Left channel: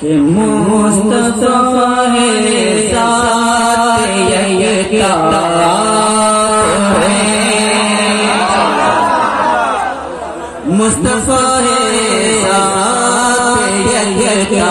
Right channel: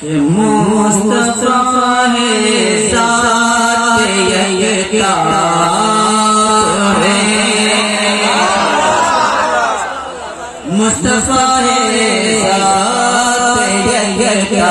کہ مصطفیٰ ہے ذات یکتا ہے، مصطفیٰ ہے ذات یکتا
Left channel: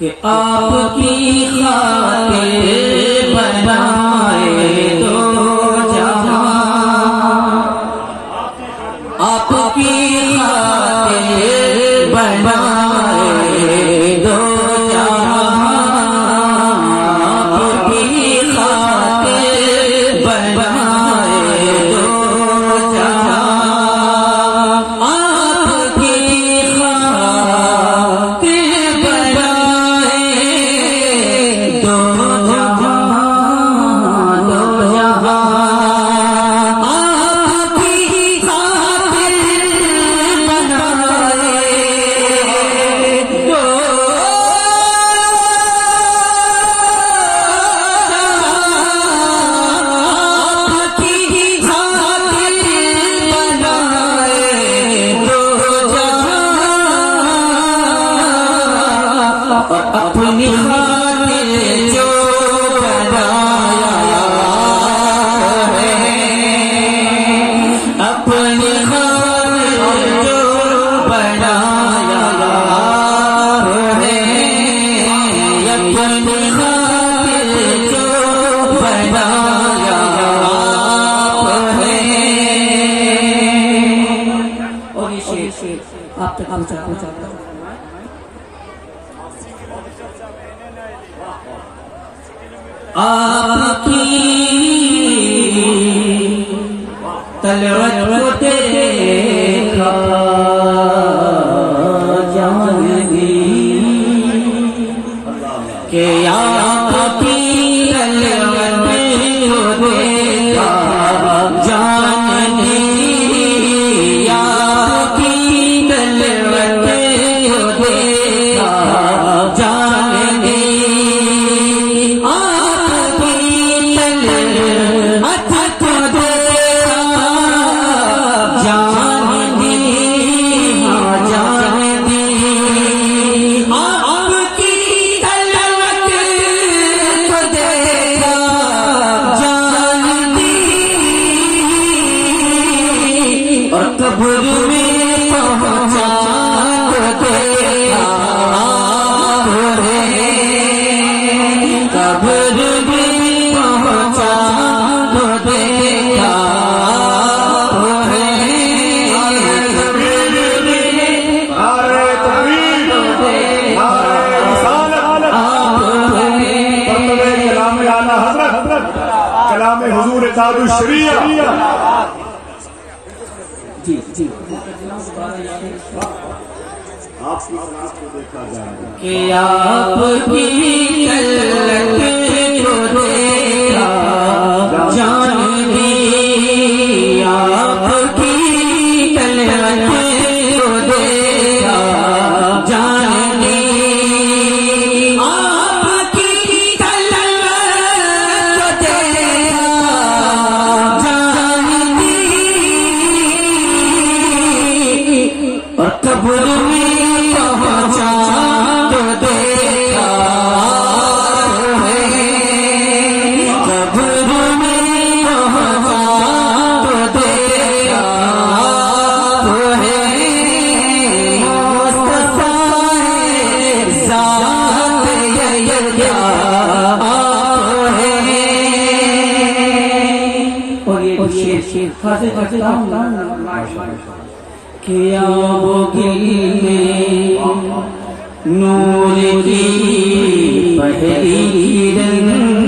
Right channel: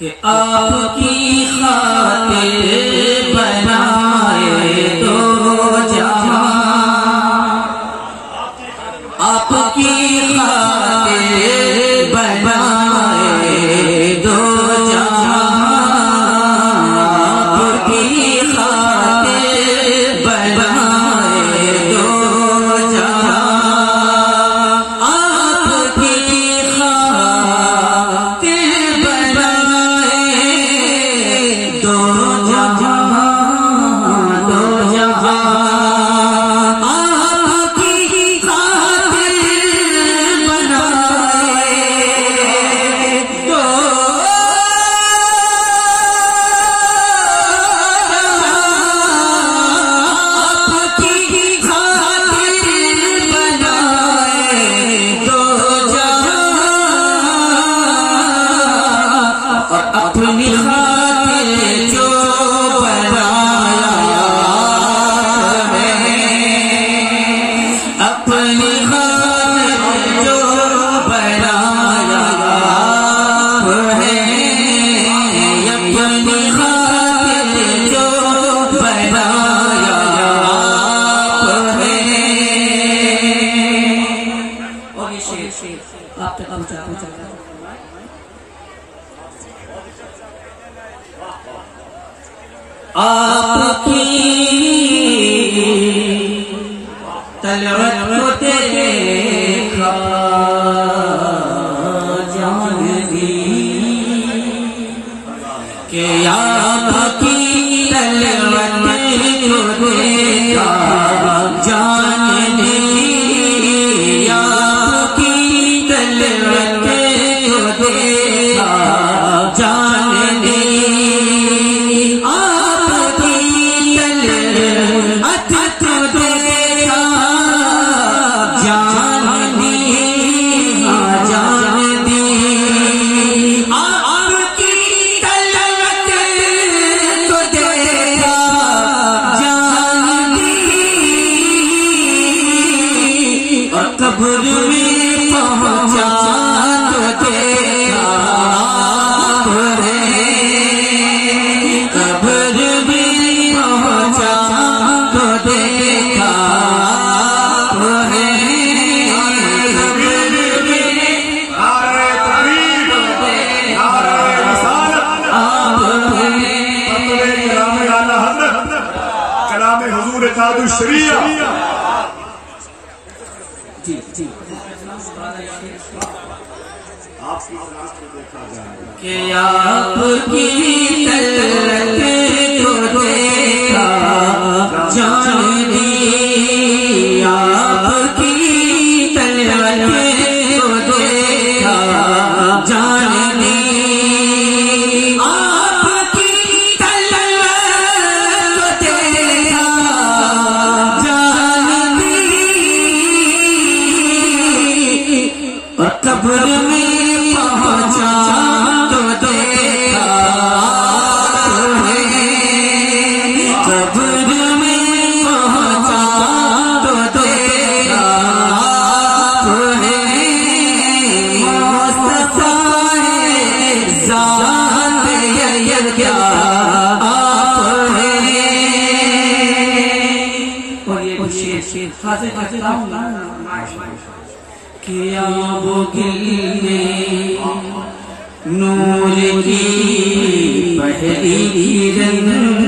کہ آپ کی خاطر بنائے دو جہاں، آپ کی خاطر بنائے دو جہاں، آپ کی خاطر بنائے دو جہاں، آپ کی اپنی خاطر جو بنایا ہے، اپنی خاطر جو بنایا ہے، اپنی خاطر جو بنایا ہے۔ اور یہ شعر آپ تک پہنچا آپ کی طلعت کو دیکھا جان دی، کہ آپ کی طلعت کو دیکھا جان دی، آپ کی طلعت کو دیکھا جان دی، قبر میں پہنچا تو دیکھا ہے، قبر میں پہنچا تو دیکھا ہے، کلام حضور تاج الشریعہ۔ کہ آپ کی طلعت کو دیکھا جان دی، آپ کی طلعت کو دیکھا جان دی، آپ کی طلعت کو دیکھا جان دی، اور قبر میں پہنچا تو دیکھا ہے، قبر میں یہ شیر حاضر کرتا ہوں کیا وہ دل میں نور کی پہلی کرن